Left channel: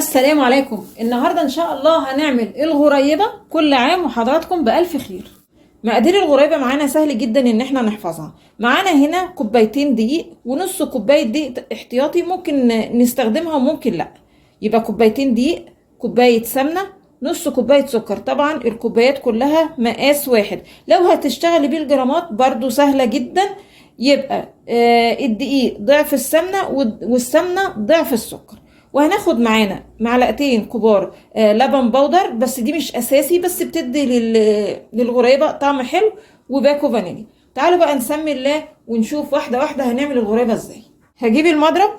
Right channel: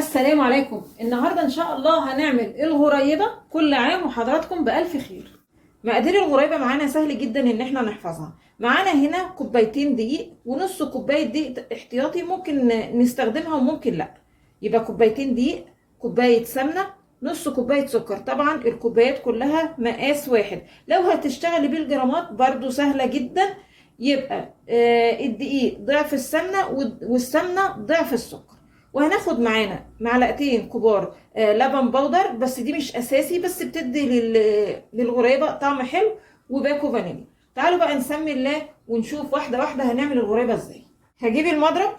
السلام عليكم. النهاردة إن شاء الله هنعمل الغريبة. كل عام وحضراتكم بألف خير. مقادير الغريبة معانا سهل جدا إن احنا نحفظها. معانا هنا كوبايتين دقيق ونص كوباية دقيق احتياطي، ممكن نستخدمها وممكن لأ. يبقى كوبايتين دقيق، كوباية سمنة، نص كوباية سكر. طبعا الكوبايات كلها مقاس واحد. لو هتشتغلي بالجرامات برضو سهلة جدا. يبقى الدقيق ضعف السمنة والسمنة ضعف السكر. وهناخد معانا معلقتين كبار لبن بودر، بس دي مش اساسي، بس بتدي للغريبه طعم حلو، وباكو فانيليا. تعالوا بقى نسمي الله ونشوف واحده واحده هنعمل الغريبه ازاي. هجيب المضرب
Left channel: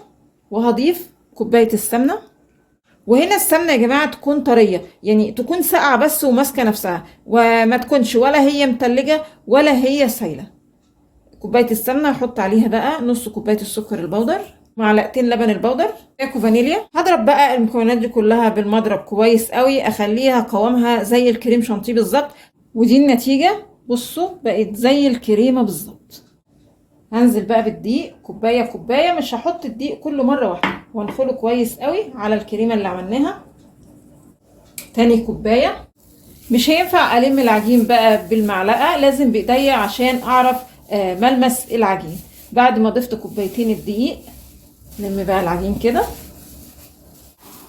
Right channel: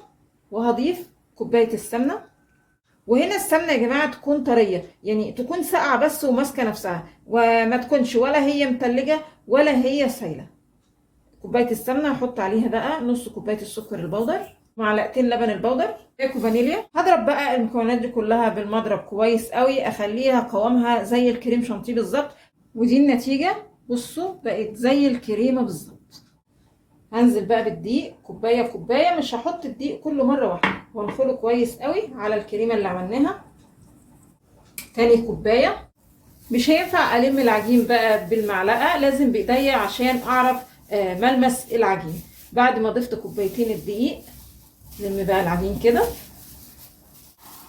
وهضيف كوبايه السمنه. وهنا السمنه يا جماعه تكون طريه، يعني تكون ساقعه بس وماسكه نفسها، وما تكونش ولا هي متلجه ولا هي سايله. كوبايه السمنه هحط عليها بقى نص كوبايه السكر البودر، معلقتين لبن البودر، باكو فانيليا. هضرب بقى المكونات دي كلها بالمضرب كويس قوي، اخليها قوامها زي الكريم شانتيه بالظبط. ودي النتيجه، بصوا بقت زي الكريمه بالظبط. هنزل بقى بالدقيق كوبايه كوبايه، مش هحط الدقيق كله مره واحده، وانخله كويس قوي على الكريمه اللي عملناها. تاني كوبايه. مش هينفع الم العجين بقى بالمعلقه، لازم بايديا عشان اعرف ملمس العجين. بعد ما ضفت كوبايتين الدقيق، نلم بقى العجين كده.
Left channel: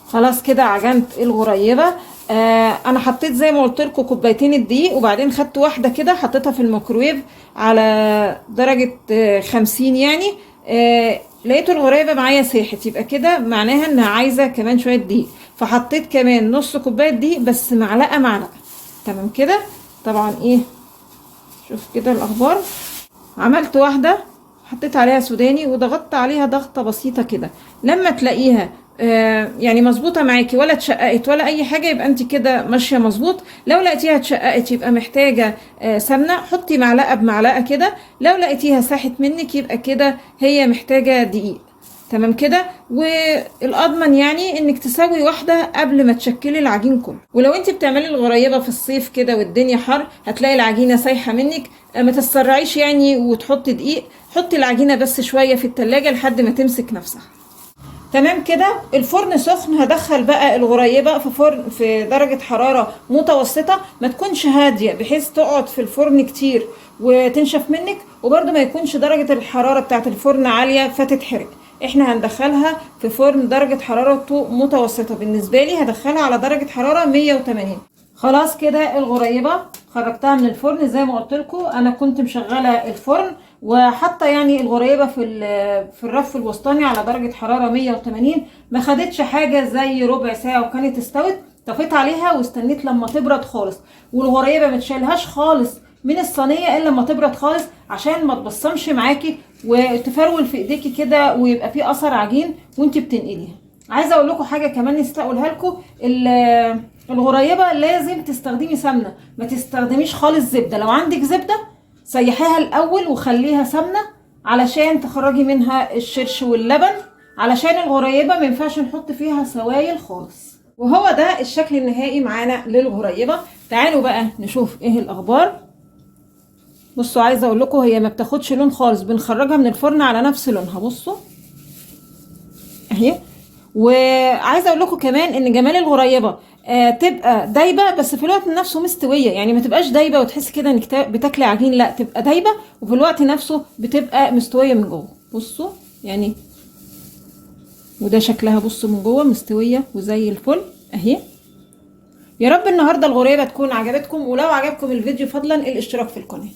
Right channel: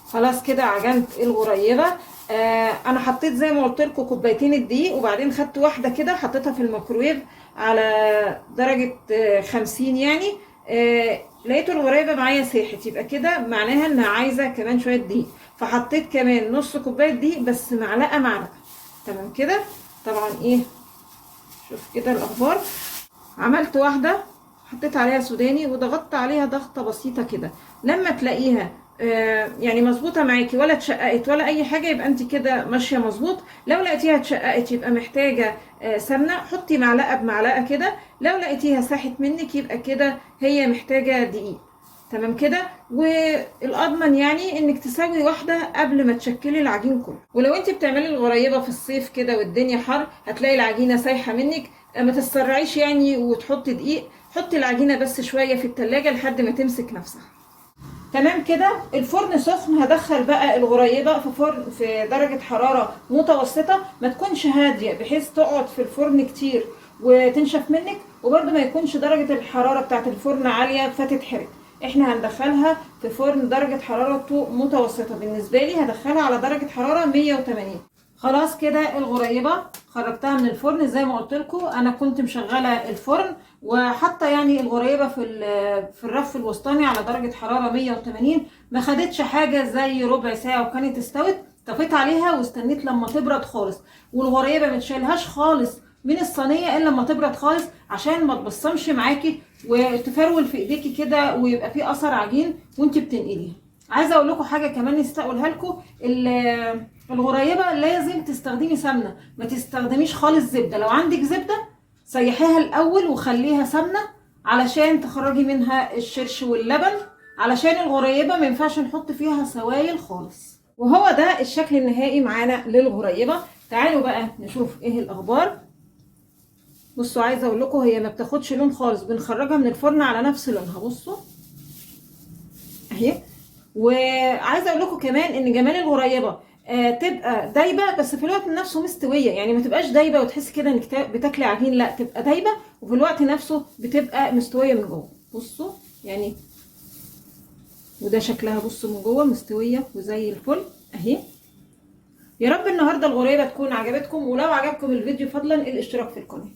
خلاص كده عجنت الغريبه. انا حطيت زي ما قلت لكم كوبايتين الدقيق، وبعدين خدت واحده كده حطيتها في الميكرويف على درجه 50 يعني. لقيت الغريبه معايا ساحت، يبقى كده معناها انها عايزه كمان شويه دقيق، فحطيت كمان نص كوبايه دقيق، بس معلقه معلقه. تمام كده. طبعا ايه، شوف كده الاخبار. عملت واحده حطيت عليها سوداني وضغطت عليها ضغطه بسيطه كده. لما تلاقيها يعني مظبوطه معاكي، ولا اتشققت ولا اي حاجه، يبقى انت كده ماشيه مظبوط. لو لقيتيها اتشققت يبقى محتاجه سمنه، حطي معلقه بمعلقه كده. لو لقيتيها ساحت منك يبقى كده هي محتاجه دقيق. تمام كده. والاضمن يعني انك تسوي واحده قبل ما تشكلي العجين كله. ولو انت بتعملي الغريبه في الصيف كده والدنيا حر، هتلاقي العجينه سايحه منك. ما تسرعيش يعني وتحطي دقيق، حطي العجينه بس شويه في التلاجة لحد ما تمسك نفسها. تمام كده. الفرن سخن، هدخل بقى الغريبه في فرن في درجه حراره متوسطه، ما تكونش هاديه بحيث تقعد في الفرن كتير وتنشف منك، وبرده ما يكونش درجه الحراره بتاعه الفرن عاليه فتتحرق. احنا هندخلها في فرن درجه حرارته متوسطه. بالنسبه لي هدخلها على درجه حراره 180. خلاص كده الغريبه خرجتها من الفرن. زي ما قلت لكم انا كنت مشغله الفرن، وحتى يعني الغريبه في الرف الوسطاني على درجه حراره 180. ما خدتش حاجه زي ربع ساعه وكانت استوت. طفيت عليها واستنيت لما تبرد خالص. والغريبه ما تشيلهاش خالص من الصينيه الا لما تبرد خالص، عشان ما تبصمش معاكي وتفرول في ايديكي كده ويبقى فيه اثر عجين وانت بتنقليها. عايزه اقول لكم حاجه كمان نسيت اقولها لكم. الغريبه لازم تستخدمي سمنه، ما تستخدميش خالص زبده. لو عندك زبده سيحيها الاول وخليها سمنه علشان تخرجي منها الشرش واللبن، علشان الغريبه ما ينفعش نحط فيها سوائل خالص. وهو ده الشكل النهائي معانا للغريبه. تعالوا بقى نشوف ايه الاخبار. بصوا، عايزه اقول لكم هي ما بتاخدش لون خالص، بنخرجها من الفرن على نفس لونها. بصوا اهي. وعايزه اقول لكم كمان ان جمال الغريبه تبقى دايبه بس في الوقت نفسه مستويه، يعني ما تبقاش دايبه وتحسي كده انك بتاكلي عجين، لا تبقى دايبه وفي الوقت نفسه بتبقى مستويه من جوه. بصوا يعني، وده شكلها. بصوا من جوه مستويه وزي الفل اهي. يا رب النهارده الغريبه تكون عجبتكم، ولو عجبكم الفيديو فضلا الاشتراك في القناه.